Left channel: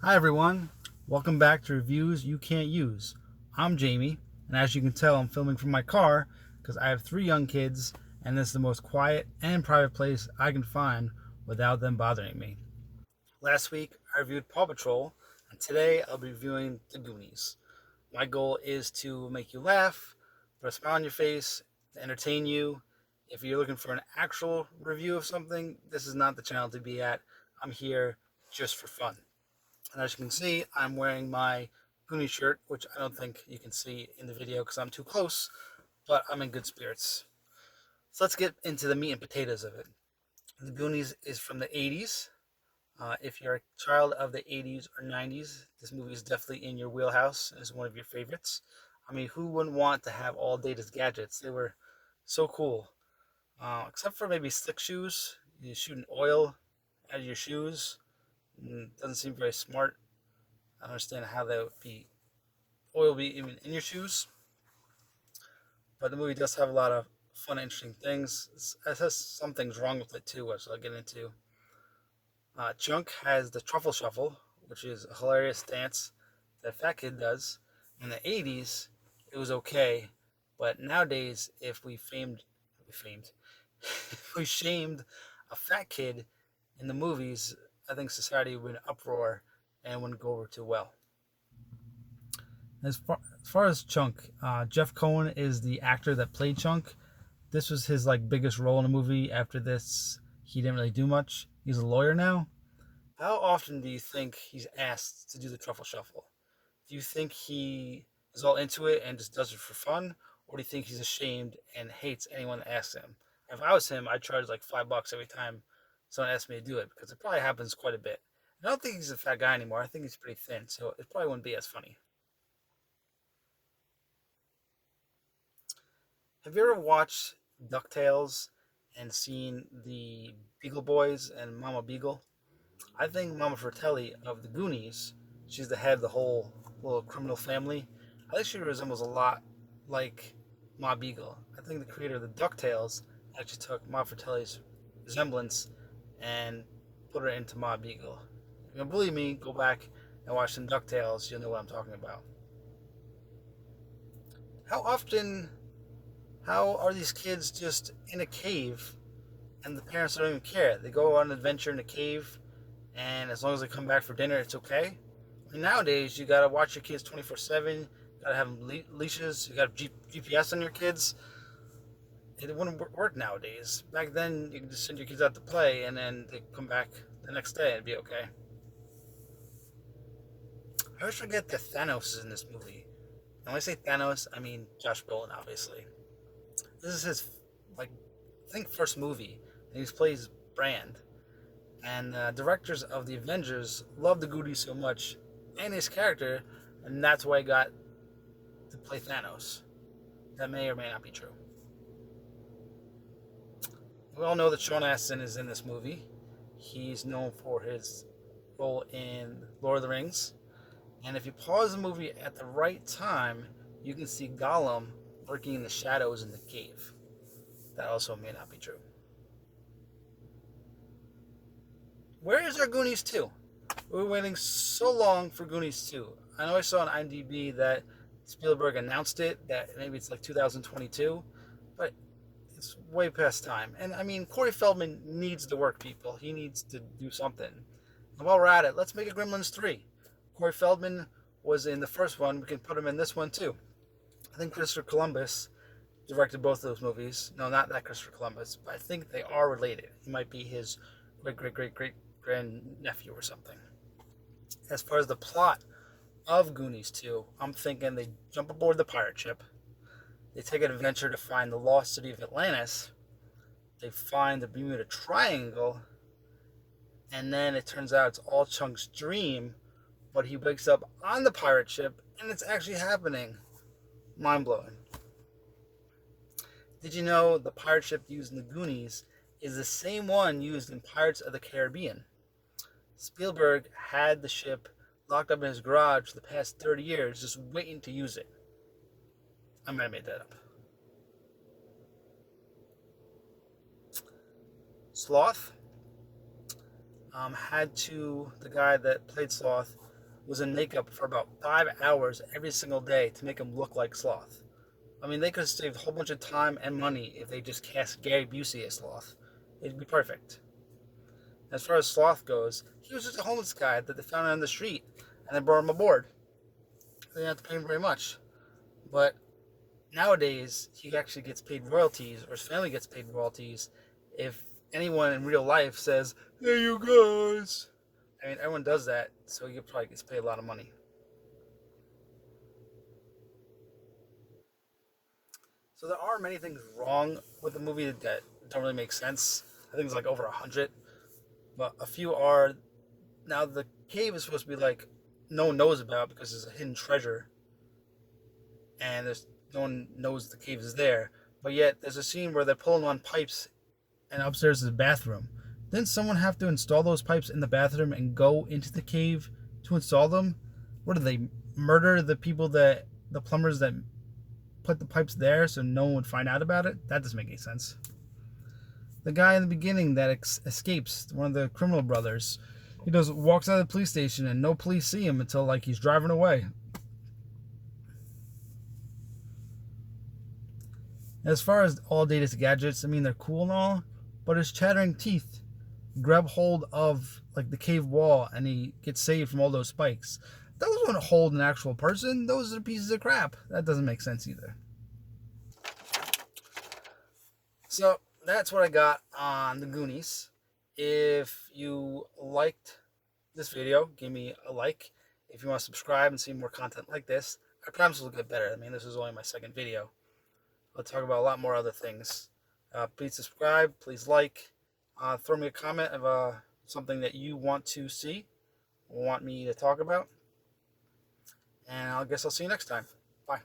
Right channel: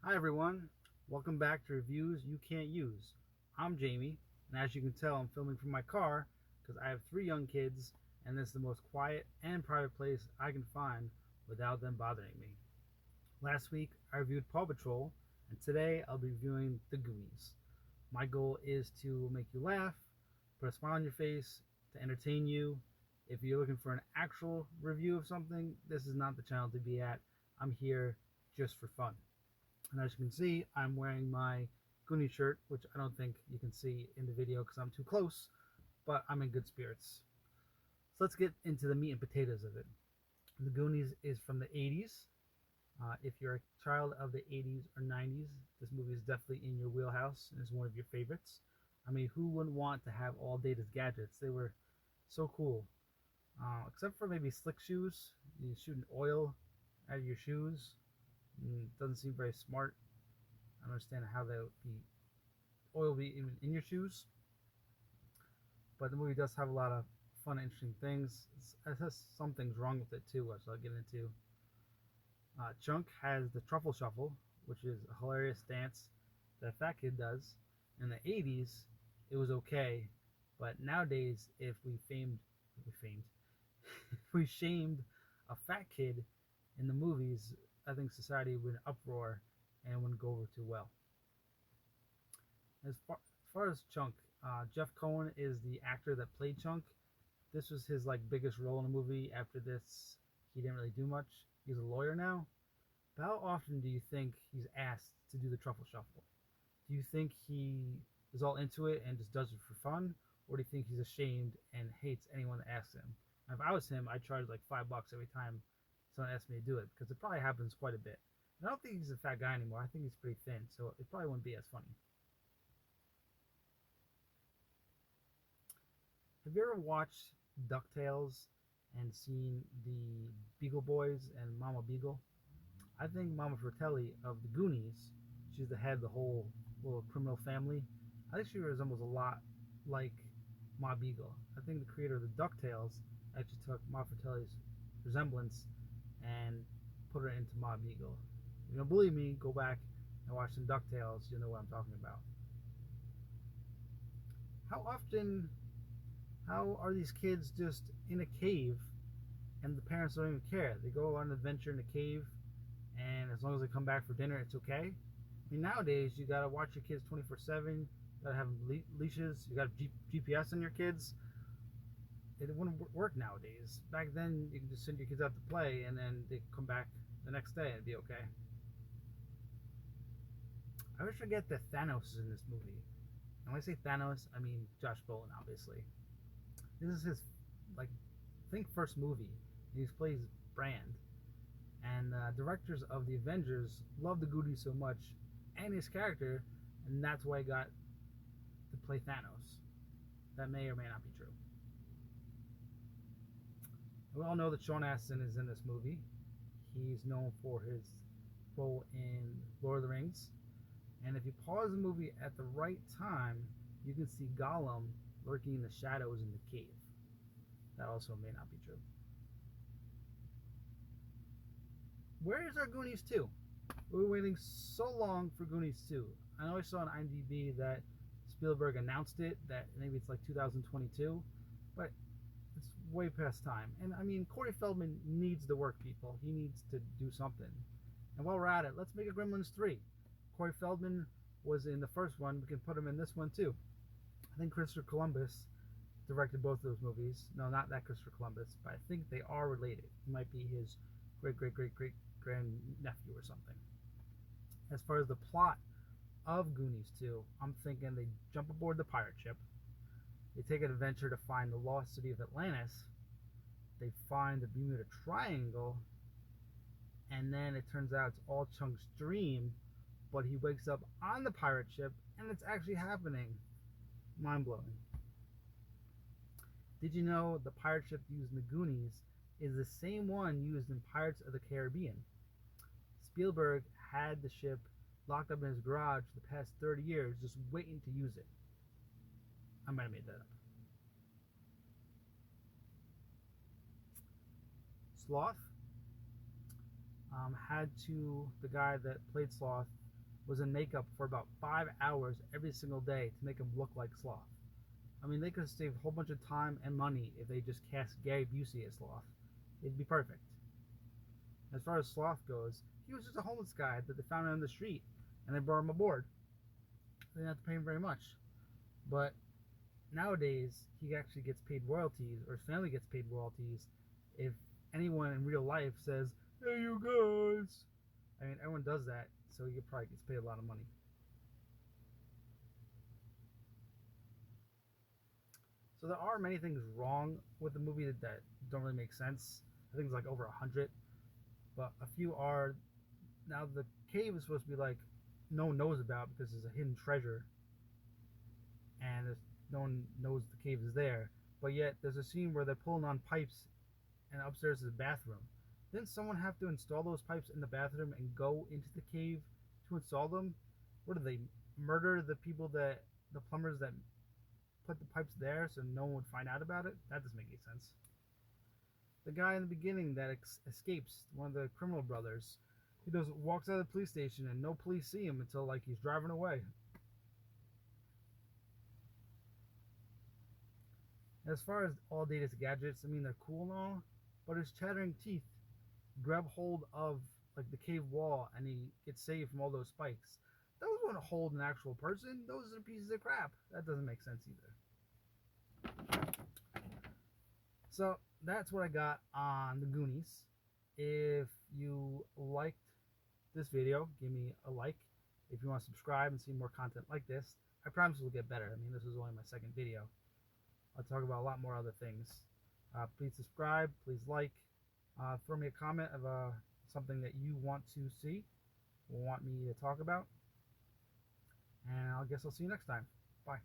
Hi everyone, welcome back to Reviews You Can't Use. I'm Jamie, and as you can tell, I'm filming from my car because I have three young kids, and this is the most quiet and private place I can find without them bothering me. Last week, I reviewed Paw Patrol, and today I'll be reviewing The Goonies. My goal is to make you laugh, put a smile on your face, to entertain you. If you're looking for an actual review of something, this is not the channel to be at. I'm here just for fun. And as you can see, I'm wearing my Goonies shirt, which I don't think you can see in the video because I'm too close, but I'm in good spirits. So let's get into the meat and potatoes of it. The Goonies is from the 80s. If you're a child of the 80s or 90s, this movie is definitely in your wheelhouse and is one of your favorites. I mean, who wouldn't want to have all Data's gadgets? They were so cool. Except for maybe slick shoes. You're shooting oil out of your shoes. Doesn't seem very smart. I don't understand how that would be oil be even in your shoes. But the movie does have a lot of fun, interesting things. It has some things wrong with it too, which I'll get into. Chunk has the truffle shuffle, which is a hilarious dance that Fat Kid does. In the 80s, it was okay, but nowadays, if if we shamed a fat kid in the movies, I think society would be in an uproar and wouldn't go over too well. As far as Chunk, Jeff Cohen is the actor that played Chunk. This was his biggest role in a movie. After this, he didn't really do much. He's a lawyer now. How often do you think he's asked to do the truffle shuffle? Do you think he is all into it and just does it for fun, or do you think he's ashamed and hates anyone that asks him? If I was him, I'd charge like $5 every time someone asks me to do it because it probably happens quite a bit. I don't think he's a fat guy anymore. I think he's pretty thin, so it probably wouldn't be as funny. Have you ever watched DuckTales and seen the Beagle Boys and Mama Beagle? I think Mama Fratelli of the Goonies, she's the head of the whole little criminal family. I think she resembles a lot like Ma Beagle. I think the creator of the DuckTales actually took Ma Fratelli's resemblance and put her into Ma Beagle. If you don't believe me, go back and watch some DuckTales. You'll know what I'm talking about. How often, how are these kids just in a cave and the parents don't even care? They go on an adventure in a cave, and as long as they come back for dinner, it's okay. I mean, nowadays, you gotta watch your kids 24/7. You gotta have leashes. You gotta GPS on your kids. It wouldn't work nowadays. Back then, you could just send your kids out to play, and then they come back the next day and it'd be okay. I always forget that Thanos is in this movie. And when I say Thanos, I mean Josh Brolin, obviously. This is his, like, I think first movie, and he plays Brand. And directors of the Avengers love the Goonies so much, and his character, and that's why he got to play Thanos. That may or may not be true. We all know that Sean Astin is in this movie. He's known for his role in Lord of the Rings. And if you pause the movie at the right time, you can see Gollum lurking in the shadows in the cave. That also may not be true. Where is our Goonies 2? We're waiting so long for Goonies 2. I know I saw on IMDb that Spielberg announced it, that maybe it's like 2022, but it's way past time. And I mean, Corey Feldman needs to work, people. He needs to do something. And while we're at it, let's make a Gremlins 3. Corey Feldman was in the first one. We can put him in this one too. I think Christopher Columbus directed both of those movies. No, not that Christopher Columbus, but I think they are related. He might be his great grand nephew or something. As far as the plot of Goonies 2, I'm thinking they jump aboard the pirate ship. They take an adventure to find the lost city of Atlantis. They find the Bermuda Triangle. And then it turns out it's all Chunk's dream. But he wakes up on the pirate ship and it's actually happening. Mind blowing. Did you know the pirate ship used in the Goonies is the same one used in Pirates of the Caribbean? Spielberg had the ship locked up in his garage for the past 30 years just waiting to use it. I might have made that up. Sloth the guy that played Sloth was in makeup for about 5 hours every single day to make him look like Sloth. I mean, they could have saved a whole bunch of time and money if they just cast Gary Busey as Sloth. It'd be perfect. As far as Sloth goes, he was just a homeless guy that they found on the street and they brought him aboard. They didn't have to pay him very much. But nowadays, he actually gets paid royalties, or his family gets paid royalties, if anyone in real life says, "Hey, you guys." I mean, everyone does that, so he probably gets paid a lot of money. So there are many things wrong with the movie that don't really make sense. I think it's like over 100. But a few are, now the cave is supposed to be like no one knows about because there's a hidden treasure, and there's no one knows the cave is there. But yet there's a scene where they're pulling on pipes, and upstairs is a bathroom. Didn't someone have to install those pipes in the bathroom and go into the cave to install them? What did they murder the people that the plumbers that put the pipes there so no one would find out about it? That doesn't make any sense. The guy in the beginning that escapes, one of the criminal brothers, he just walks out of the police station and no police see him until like he's driving away. As far as all Data's gadgets, I mean they're cool and all, but his chattering teeth grab hold of like the cave wall and he gets saved from all those spikes. Those wouldn't hold an actual person. Those are pieces of crap. That doesn't make sense either. So that's what I got on the Goonies. If you liked this video, give me a like. If you want to subscribe and see more content like this, I promise it'll get better. I mean, this is only my second video. I'll talk about a lot more other things. Please subscribe. Please like. Throw me a comment of something that you want to see or want me to talk about. And I guess I'll see you next time. Bye.